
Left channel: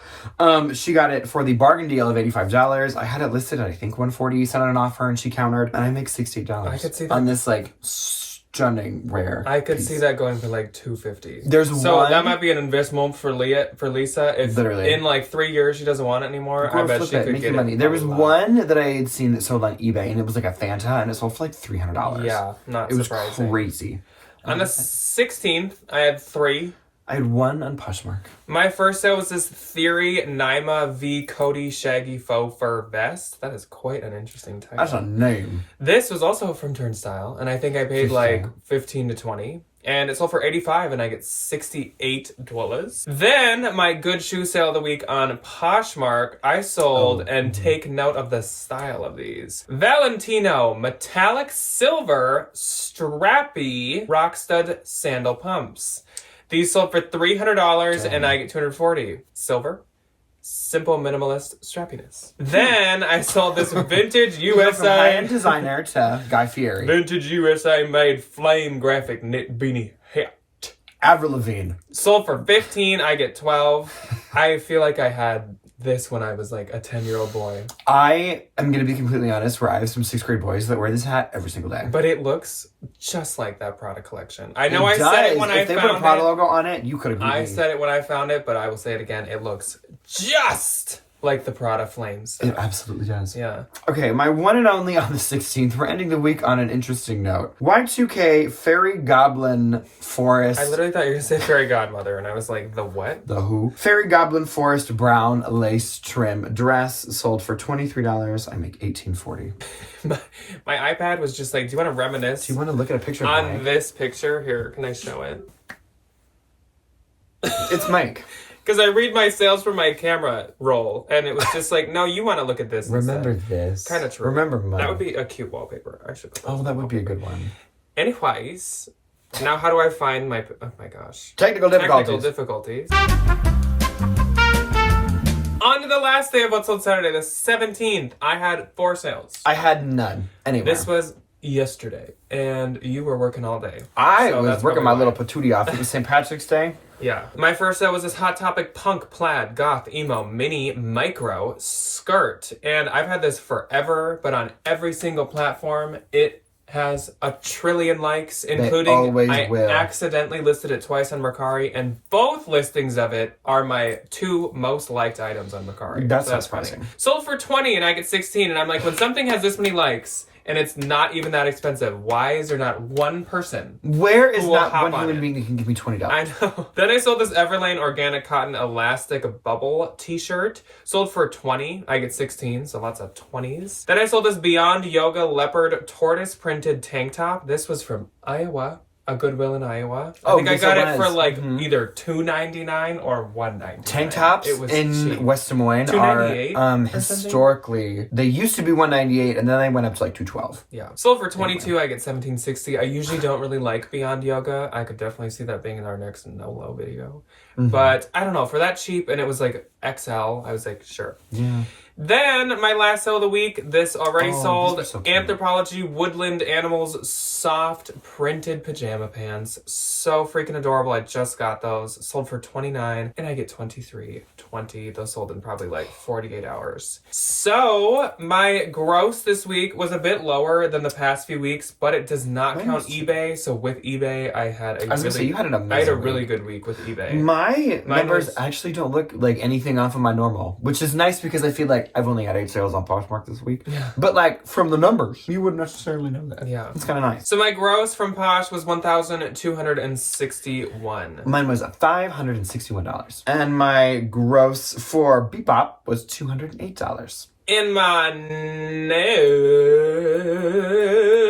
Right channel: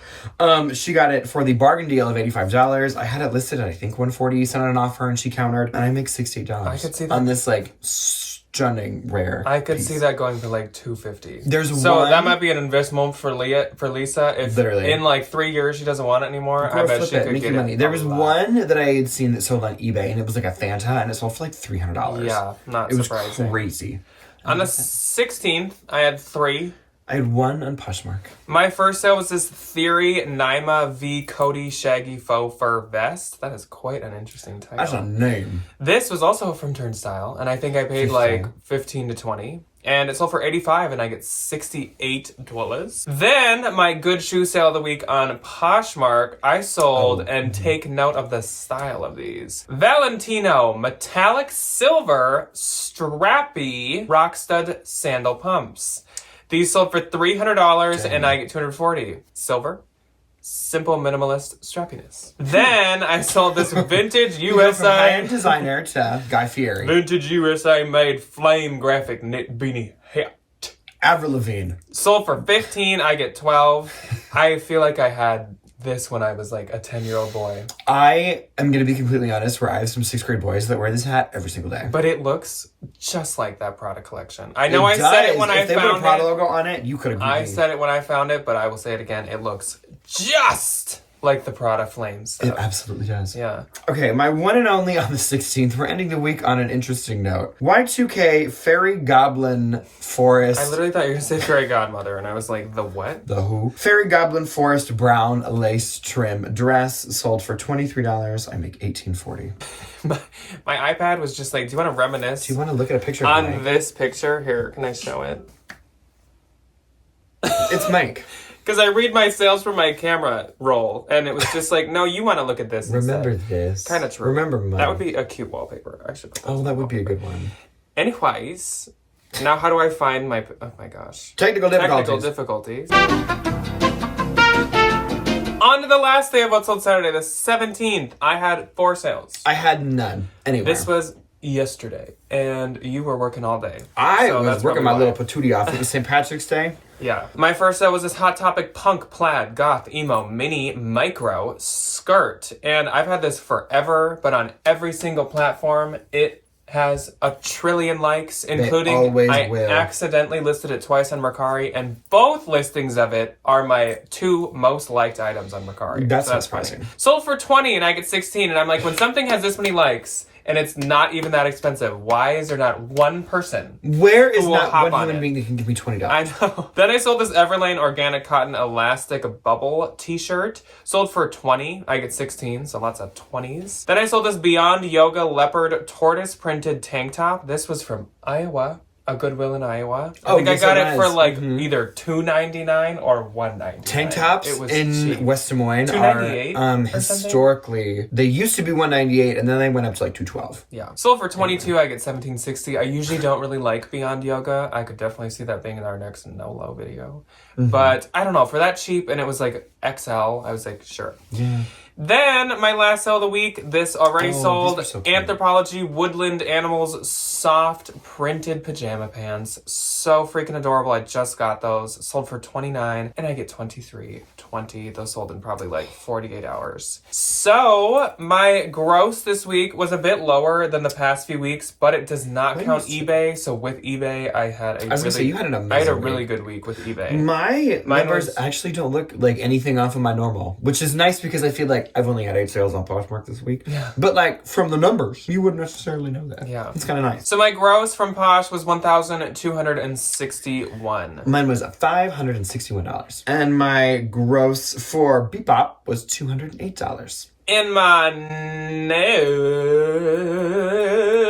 She got it for the bargain deal of $85. I had it listed at, I think, $140, sent it on offer, and she countered, and I make $68. I could see that. On this, like, stunning rare I could piece. see that going for like $250. There's so one... that might be an investment for Lisa. If literally in like 3 years she doesn't want it anymore, I bet she could make get money. it. There was one that I had seen that sold on eBay, and it was like a Fanta, and it sold for like $300. Yeah, not it was surprising. Crazy. On the 16th, I had 3. I had one on Poshmark. My first sale was this Theory Naima V Cody Shaggy Faux Fur Vest. That is quite an interesting title. That's a name. This was also from Turnstile, and I think I paid like 15 to 20. And it sold for $85, and I get $68. Then, my good shoe sale of the week on Poshmark, I sold, and take note of the style of these. Valentino Metallic Silver Strappy Rockstud Sandal Pumps. These sold for $300, and I get $240. Silver. Simple minimalist strappiness. Then I sold this vintage USA from high-end designer to Guy Fieri. Vintage USA made flame graphic knit beanie hat. Avril Lavigne. Sold for $15. I get $12. I feel like I had this when I was like a 10-year-old boy. I am going to be completely honest, where I have some 6th grade boys that wear this hat every single day. But it looks just like that Prada collection. I know I said it when I found it. If they put a Prada logo on it, you could have I said it when I found it, but I will say it again. It looks just like the Prada Flames. It absolutely does. Yeah. Okay, my one and only on the 16th. We're ending the week on an interesting note. Y2K Fairy Goblin Forest. I literally thought you were going to say Fairy Godmother, and I was like, the what? The who? Fairy Goblin Forest brown lace trim dress sold for $23. I make $18.40. My iPad was just like, do you want to reminisce? Do you want to look at a picture of on Mike? this picture? Here, can I show it? It's Mike. Because I read my sales from my camera roll, and it was just like, no, you want to look at this. Remember this. Kind of true. Remember mine. That would be a cute wallpaper. I should. Oh, that would be a good one. Anyways, now how do I find my? Oh my gosh. Technical difficulties. On to the last day of What's Sold Saturday, the 17th. I had 4 sales. I had none. Anyway. This was yesterday, and you were working all day. I was working my little patootie off. It was St. Patrick's Day. Yeah. My first sale was this Hot Topic punk plaid goth emo mini micro skirt. And I've had this forever, but on every single platform, it has 1 trillion likes, including I accidentally listed it twice on Mercari, and both listings of it are my 2 most liked items on Mercari. That's not surprising. Sold for 20 and I get 16, and I'm like, when something has this many likes and it's not even that expensive, why is there not one person? Where is not one human being that can give me $20? I know. Then I sold this Everlane organic cotton elastic bubble t-shirt. Sold for 20. I get 16, so lots of 20s. Then I sold this Beyond Yoga leopard tortoise printed tank top. This was from Iowa. A Goodwill in Iowa. I think I got it for like either $2.99 or $1.99. Tank tops in cheap. West Des Moines are historically, they used to be $1.98 and then they went up to like $2.12. Yeah. Sold for 22, I get $17.60. I usually don't really like Beyond Yoga. I could definitely see that being in our next no-low video. But I don't know, for that cheap, and it was like XL, I was like, sure. Yeah. Then, my last sale of the week, this already sold Anthropologie Woodland Animals soft printed pajama pants. So freaking adorable. I just got those. Sold for $29, and I get $23.20. Those sold in probably like 48 hours. So, my gross this week was a bit lower than the past few weeks, but it does not count eBay. So, with eBay, I had a really good week with eBay. My numbers actually don't look like anything off of my normal, which is nice because I feel like like, I've only had 8 sales on Poshmark this week. Yeah. But, like, from the numbers, you wouldn't necessarily know that. Yeah. It's kind of nice. So my gross from Posh was $1,261. Mine was $561. And my gross for Bebop was $208. And my net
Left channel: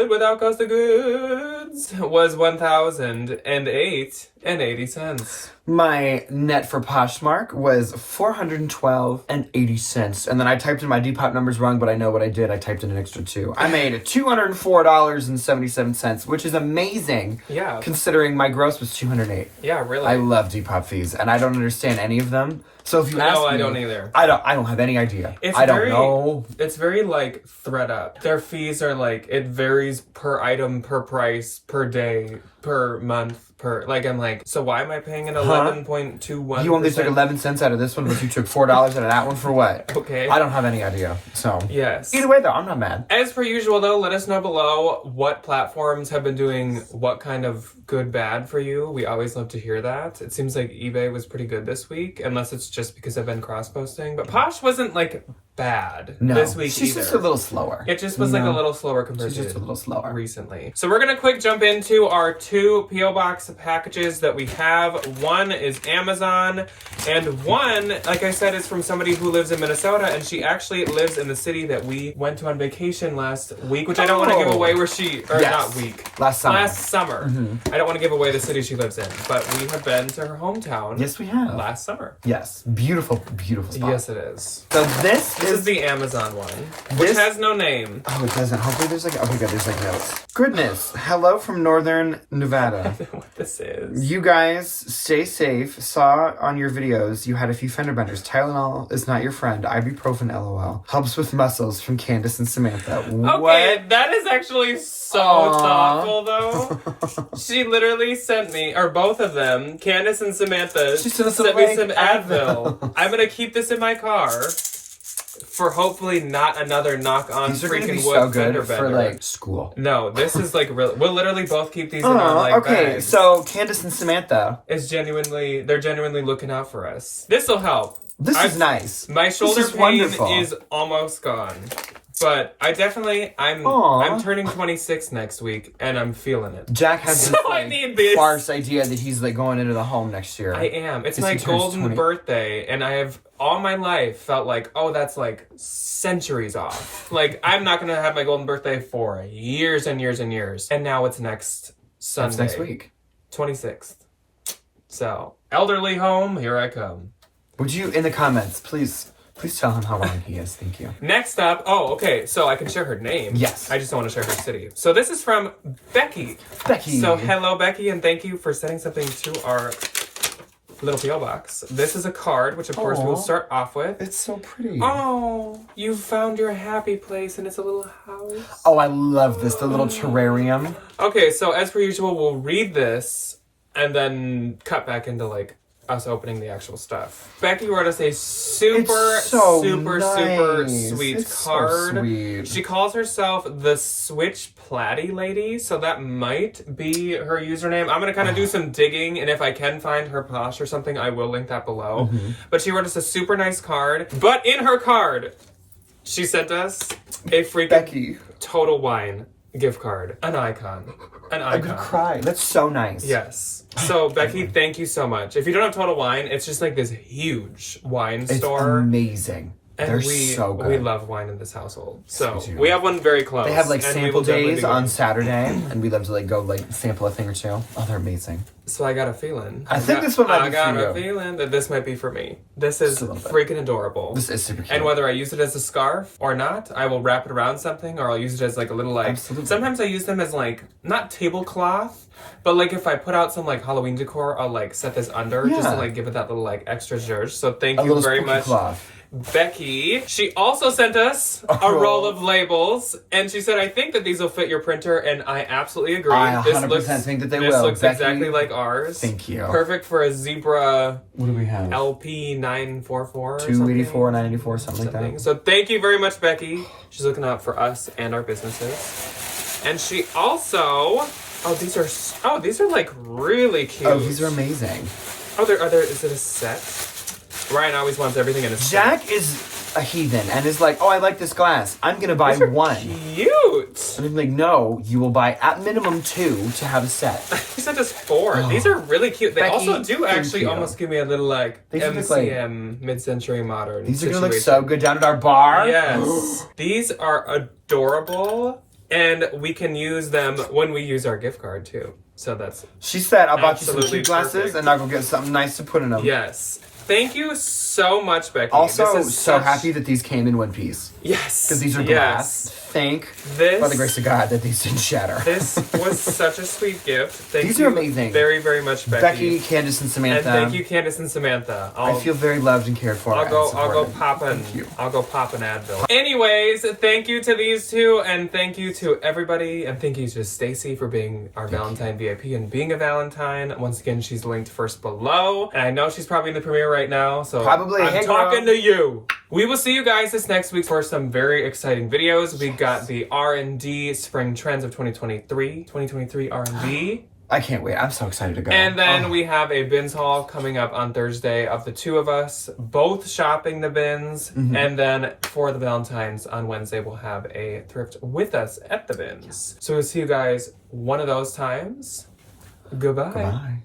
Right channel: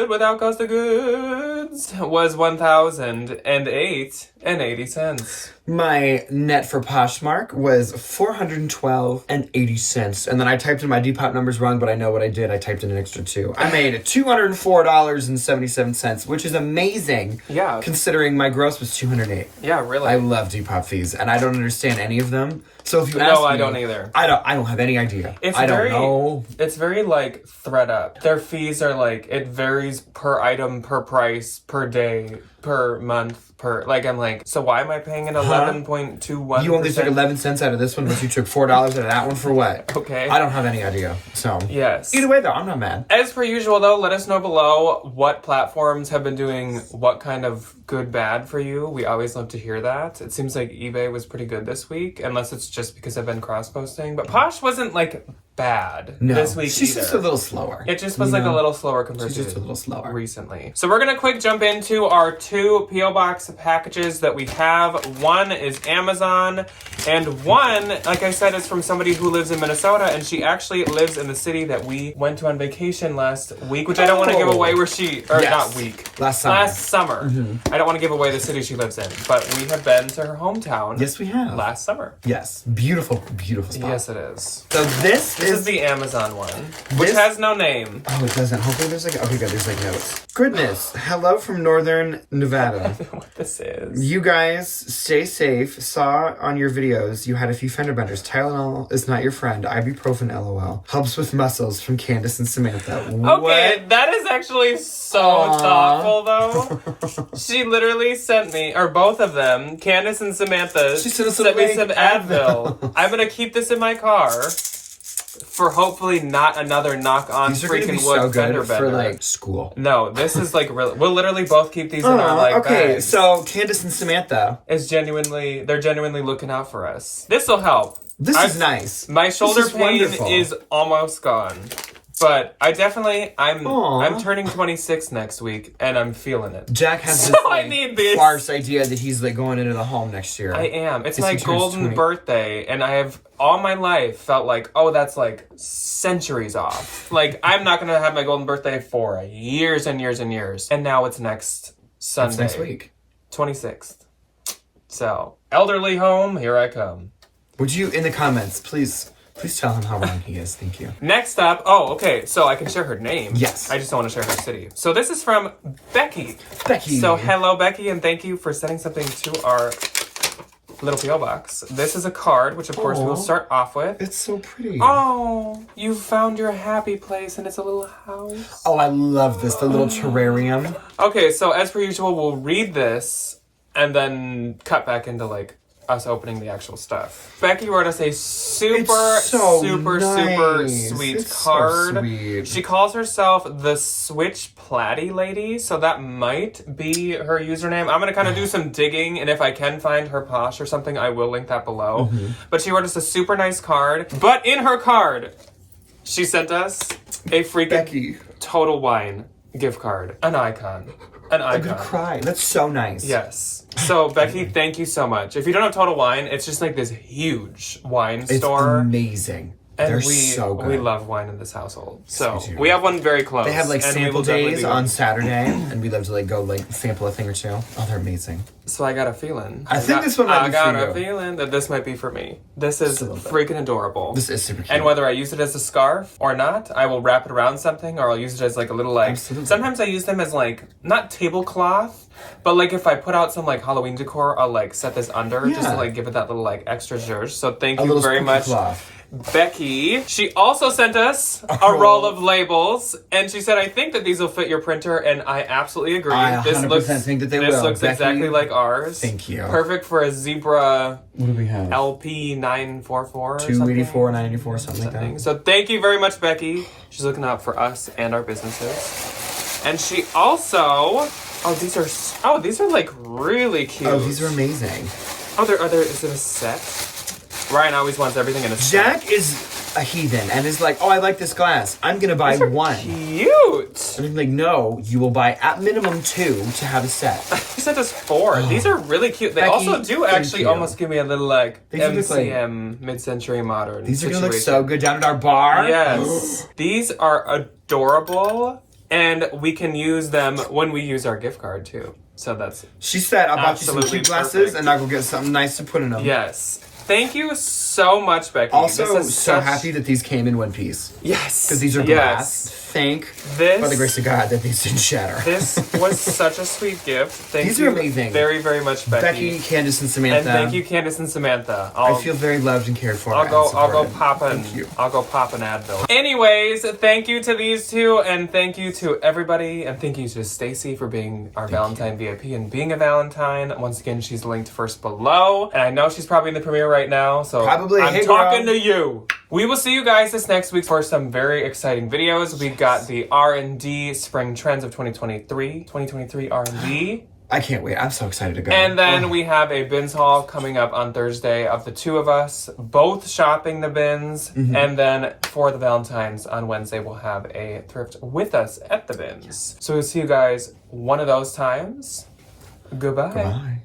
without cost of goods was $1,008.80. My net for Poshmark was $412.80. And then I typed in my Depop numbers wrong, but I know what I did. I typed in an extra 2. I made $204.77, which is amazing. Yeah. Considering my gross was $208. Yeah, really. I love Depop fees, and I don't understand any of them. So if you ask me, I don't either. I don't have any idea. I don't know. It's very like thread up. Their fees are like, it varies per item, per price, per day, per month, I'm like, so why am I paying an 11.21%? You only took 11 cents out of this one, but you took $4 out of that one for what? Okay. I don't have any idea. So yes. Either way though, I'm not mad. As per usual though, let us know below what platforms have been doing what kind of good bad for you. We always love to hear that. It seems like eBay was pretty good this week, unless it's just because I've been cross-posting. But Posh wasn't like bad this week she's either. just a little slower. It just was like a little slower compared to just a little slower recently. So we're gonna quick jump into our 2 P.O. Box packages that we have. One is Amazon, and one, like I said, is from somebody who lives in Minnesota, and she actually lives in the city that we went to on vacation last week, which I don't want to give away where she, or not week. Last summer. I don't want to give away the city she lives in, but we have been to her hometown. Yes, we have. Last summer. Yes. Beautiful, beautiful spot. Yes, it is. So this is the Amazon one, which has no name. Oh, it doesn't. Hopefully there's like, okay, good, there's like notes. Goodness. Hello from Northern Nevada. What this is. You guys stay safe. Saw on your videos you had a few fender benders. Tylenol is not your friend. Ibuprofen LOL. Helps with muscles from Candace and Samantha. Okay, that is actually so thoughtful though. She literally sent me, or both of them, Candace and Samantha, sent me some Advil. I'm gonna keep this in my car for hopefully not another knock-on freaking wood fender bender. For like school. No, this is like real. We'll literally both keep these in our like bags. So Candace and Samantha they're genuinely looking out for us. This will help. This is nice. My shoulder pain is almost gone. But I'm turning 26 next week, and I'm feeling it. Jack has this farce idea that he's like going into the home next year. I am. It's my golden birthday, and I have all my life felt like, oh, that's like centuries off. Like, I'm not going to have my golden birthday for years and years and years. And now it's next Sunday. It's next week. 26th. So, elderly home, here I come. Would you, in the comments, please tell him how wrong he is. Thank you. Next up, so I can share her name. Yes. I just don't want to share her city. So this is from Becky. So hello, Becky, and thank you for sending something to our little P.O. box. This is a card, which of course we'll start off with. It's so pretty. Oh, you found your happy place, and it's a little house. Oh, I love this, the little terrarium. Okay, so as per usual, we'll read this and then cut back into like us opening the actual stuff. Becky wrote us a super sweet card. So sweet. She calls herself the Switch Platy Lady, so that might be her username. I'm gonna kind of do some digging, and if I can find her Posh or something, I will link that below. But she wrote us a super nice card. But in her card, she sent us a freaking Total Wine gift card. An icon. I'm gonna cry. That's so nice. Yes. So, Becky, thank you so much. If you don't have Total Wine, it's just like this huge wine store. It's amazing. And They're so good. We love wine in this household. So, we have one very close. They have like sample days on Saturday, and we love to like go like sample a thing or two. Oh, they're amazing. So I got a feeling. I think this one might be for you. I got a feeling that this might be for me. This is freaking adorable. This is super cute. And whether I use it as a scarf or not, I will wrap it around something, or I'll use it as like a little like... Absolutely. Sometimes I use them as like, not tablecloth, but like if I put out some like Halloween decor, I'll like set this under just to like give it that little like extra zhuzh. So thank you very much. Becky. She also sent us a roll of labels, and she said, I think that these will fit your printer, and I absolutely agree. I 100% think that they will. This looks exactly like ours. Thank you. Perfect for a Zebra what do we have? LP 944 284, 984, something like that. So thank you very much, Becky. She's looking out for us and our businesses. And she also... these are like really cute. Oh, these are amazing. Is it a set? Ryan always wants everything in a set. Jack is a heathen and is like, oh, I like this glass. I'm going to buy These are one. Cute. And I'm like, no, you will buy at minimum 2 to have a set. He said just 4. These are really cute. They Becky, also do actually almost give me a little like These are just, like- MCM mid-century modern. These are going to look situation. so good down at our bar. Yes. These are adorable, and we can use them when we use our gift card too. So that's She said, I bought you some Absolutely cute glasses perfect. and I'll go get something nice to put in them. yes. Thank you so much, Becky. Also, This is so such- happy that these came in one piece. Yes. Because these are glass. Yes. Thank, This- by the grace of God, that these didn't shatter. This was such a sweet gift. Thank These you are amazing. very, very much, Becky. Becky, Candace, and And Samantha. thank you, Candace and Samantha. I feel very loved and cared for. I'll go and supported. pop an Thank you. I'll go pop an Advil. Anyways, thank you to these two, and thank you to everybody, and thank you to Stacy for being our Valentine VIP and being a Valentine. Once again, she's linked first below, and I know she's probably in the premiere right now, so Probably. I'm Hey, talking girl. to you. We will see you guys this next week for some very exciting videos. We got the R&D Spring Trends of 2023 R&D. I can't wait. I'm so excited to go. And then we have a bins haul coming up on Thursday of the two of us, both shopping the bins. And then for the Valentines on Wednesday, we'll have a thrift with us at the bins. So we'll see you guys one of those times. Goodbye. Bye.